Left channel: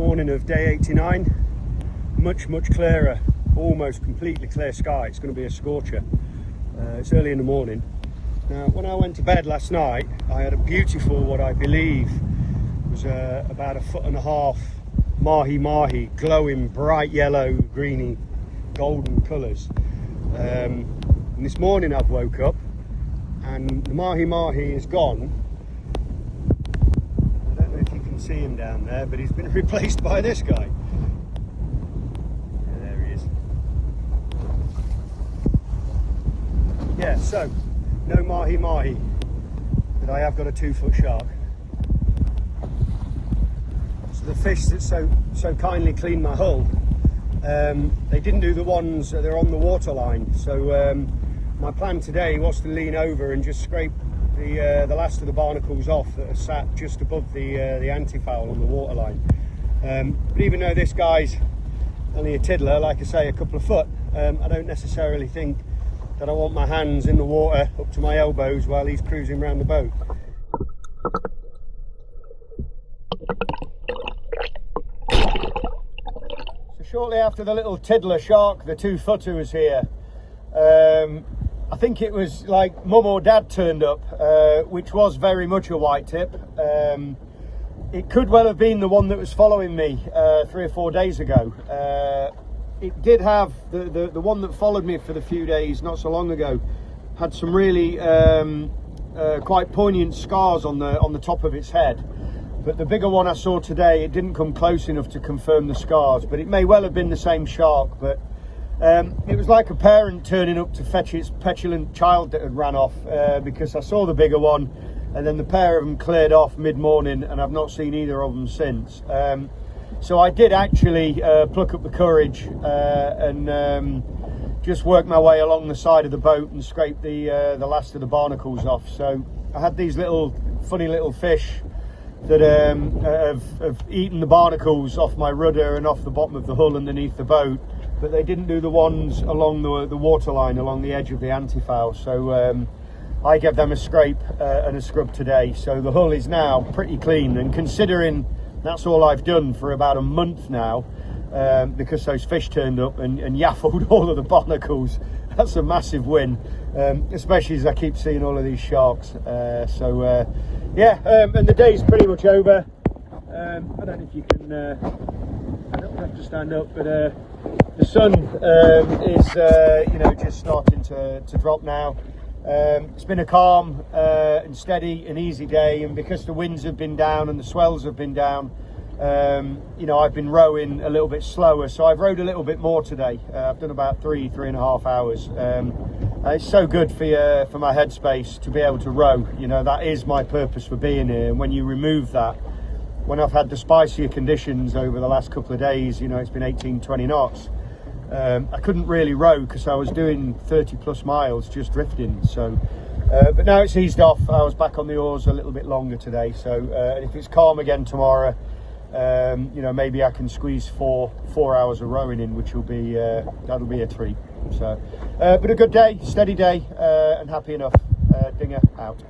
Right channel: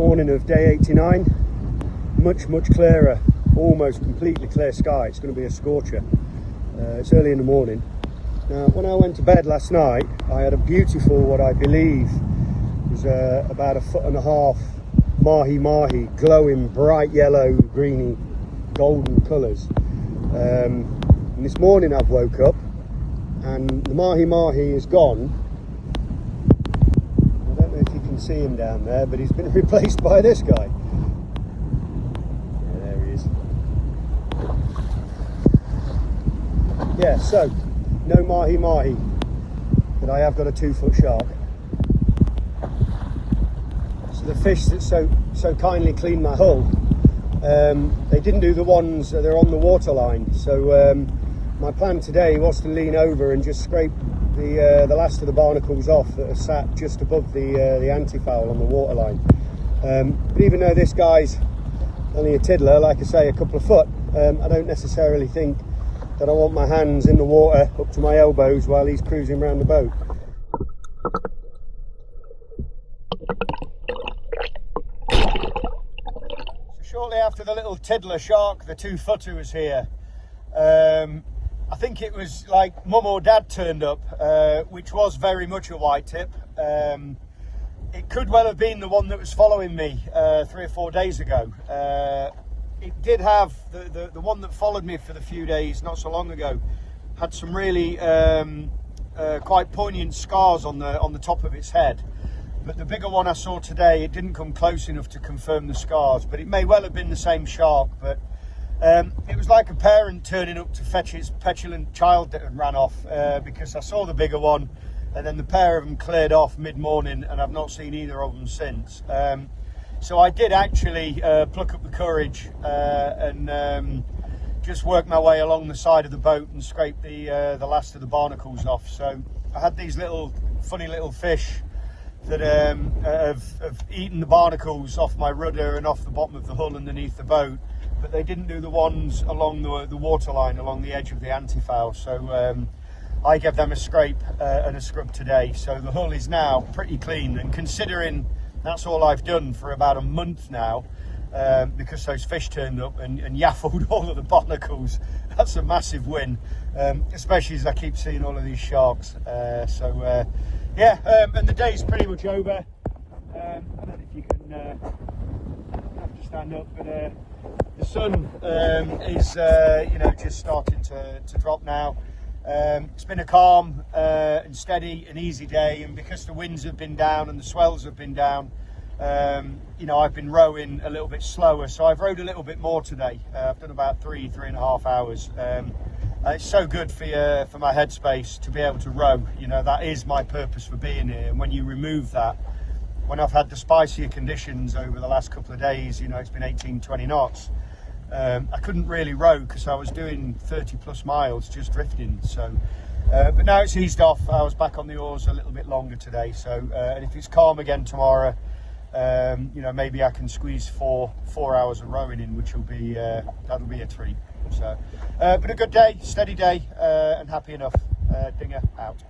morning of day 89. Much clearer, almost completely clear sky. It's going to be a scorcher. It's early in the morning. Now, when I went to bed last night, I had a beautiful, what I believe was about 1.5 foot mahi-mahi, glowing bright yellow, greeny, golden colours. And this morning I've woke up and the mahi-mahi is gone. I don't know if you can see him down there, but he's been replaced by this guy. Yeah, there he is. Yeah, so no mahi-mahi, but I have got a 2-foot shark. So the fish that so kindly cleaned my hull, they didn't do the ones they're on the waterline. So my plan today was to lean over and just scrape the last of the barnacles off that are sat just above the antifoul on the waterline. But even though this guy's only a tiddler, like I say, a couple of foot, I don't necessarily think that I want my hands in the water up to my elbows while he's cruising around the boat. So shortly after the little tiddler shark, the 2-footer, was here, I think it was like mum or dad turned up, which was very much a white tip. It could well have been the one that was following me 3 or 4 days ago. It did have the one that followed me for the few days not so long ago had some really quite poignant scars on the top of its head. But the bigger one I saw today, it didn't come close enough to confirm the scars, but it may well have been the same shark. But it was like a parent turning up to fetch its petulant child that had ran off, because I saw the bigger one and then the pair of them cleared off mid-morning and I've not seen either of them since. So I did actually pluck up the courage and just work my way along the side of the boat and scrape the last of the barnacles off. So I had these funny little fish that have eaten the barnacles off my rudder and off the bottom of the hull underneath the boat, but they didn't do the ones along the waterline, along the edge of the antifoul. So I gave them a scrape and a scrub today. So the hull is now pretty clean, and considering that's all I've done for about a month now, because those fish turned up and yaffled all of the barnacles, that's a massive win, especially as I keep seeing all of these sharks. Yeah, and the day's pretty much over. I don't know if you can, I don't have to stand up, but the sun is just starting to drop now. It's been a calm and steady and easy day, and because the winds have been down and the swells have been down, I've been rowing a little bit slower, so I've rowed a little bit more today. I've done about 3.5 hours. It's so good for my headspace to be able to row. That is my purpose for being here, and when you remove that, when I've had the spicier conditions over the last couple of days, it's been 18-20 knots, I couldn't really row because I was doing 30+ miles just drifting. So but now it's eased off. I was back on the oars a little bit longer today, so and if it's calm again tomorrow, maybe I can squeeze four hours of rowing in, which will be that'll be a treat. So but a good day, steady day, and happy enough. Dinger out.